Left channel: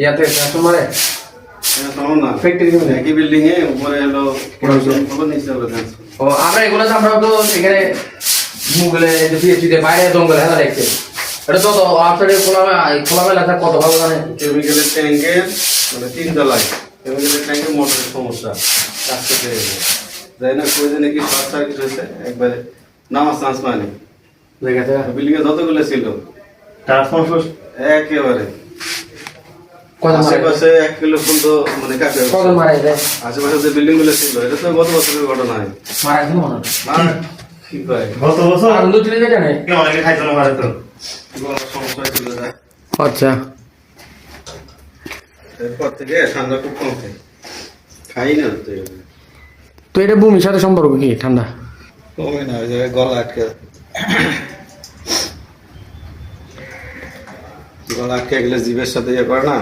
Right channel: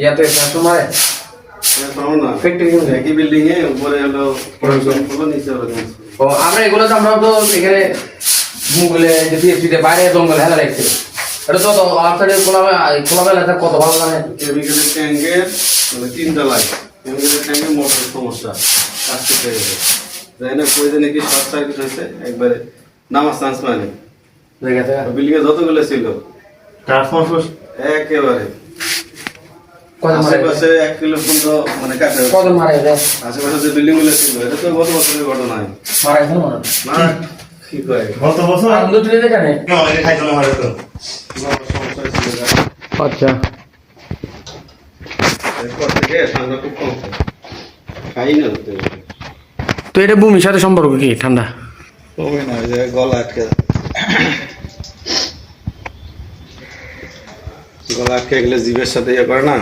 ইয়াতে তোমার একই বিল্ডিং এ উপরে হলো নিচে হলো ও আমরা এগুলো আমরা তো এখানে মুগলে যে পিএইচডি তে বাইরে জঙ্গল হেলা রাখছে এটা তো আফটারে খোলামেলা থাক কত ভালো জানে কেমিক্যালের ট্যাঙ্কের মানে তিনটা লাগে কেমিক্যালের ট্যাঙ্কের মোটরের সমস্যা কাজ করতে গেলে যাই না প্রয়োজনে কি শর্ট সার্কিট হয়েছে একবারে নামার চান্স মানে বিল্ডিং এ যতগুলো ছিল ট্রান্সফরমার একেবারে আশেপাশে 1 কিলো পর্যন্ত মানে কাটে কত মারা যায় আশেপাশে যে বিল্ডিং গুলো ছিল এটা তো গত বছরের ঘটনা হয় মারা যায় মানে কি কয় গত বছর আনন্দ দিতে জানে অনেকে খাইতো না মারা তো সমস্যা ছিল আচ্ছা এরপর থেকে ঠান্ডা খুব কম খাই না তো এটা ভূমির সাথে সম্পর্ক কি ঠান্ডা কমে না যে গলা আটকে গলা আটকে গেলে জীবের সাথে ইয়ে করে না